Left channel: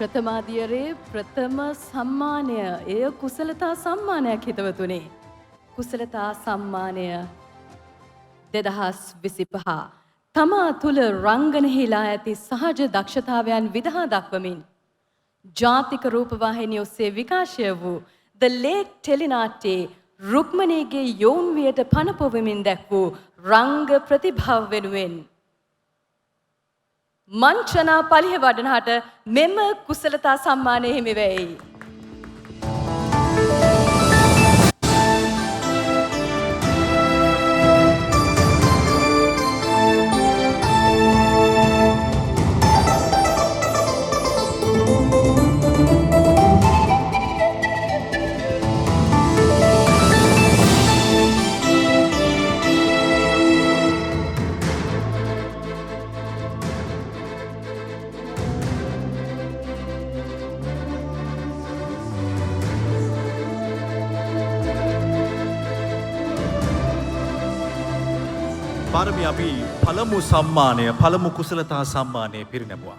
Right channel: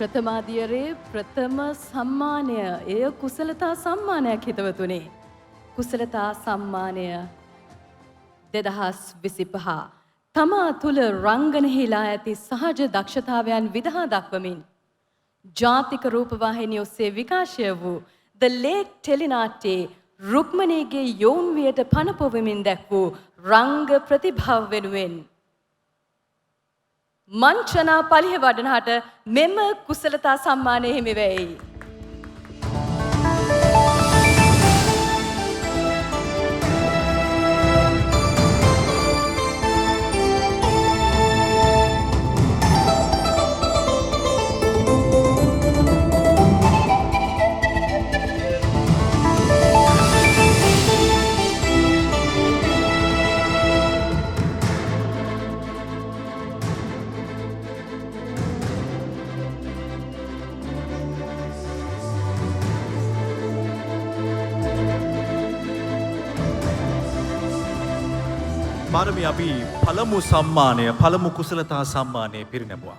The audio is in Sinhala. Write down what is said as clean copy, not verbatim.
ප්‍රථමාදියරේ ප්‍රථම සම්මානය එය කුසලතා සම්මානයක් හිතවතුනි. කුසලතා සම්මානය 2025 තමා තුළ රංගනහිලා ඇති සහජ දක්ෂතාවයන් විදහා දක්වමින් ජාතික රූපවාහිනිය ඔස්සේ විකාශය වූ The Lake ටෙලිනාට්‍යයේ රුක්මනීගේ යෝන්වියට පණ පොවමින් දැක් වූ රංග ප්‍රතිභාව වෙනුවෙන් මංචනා පලිහ වඩනහට මෙම කුසලතා සම්මානය හිමි වෙයි. පාරමී අපි පළමු සම්මානය පළමු කුසලතා සම්මානය පිරිනැමුවා.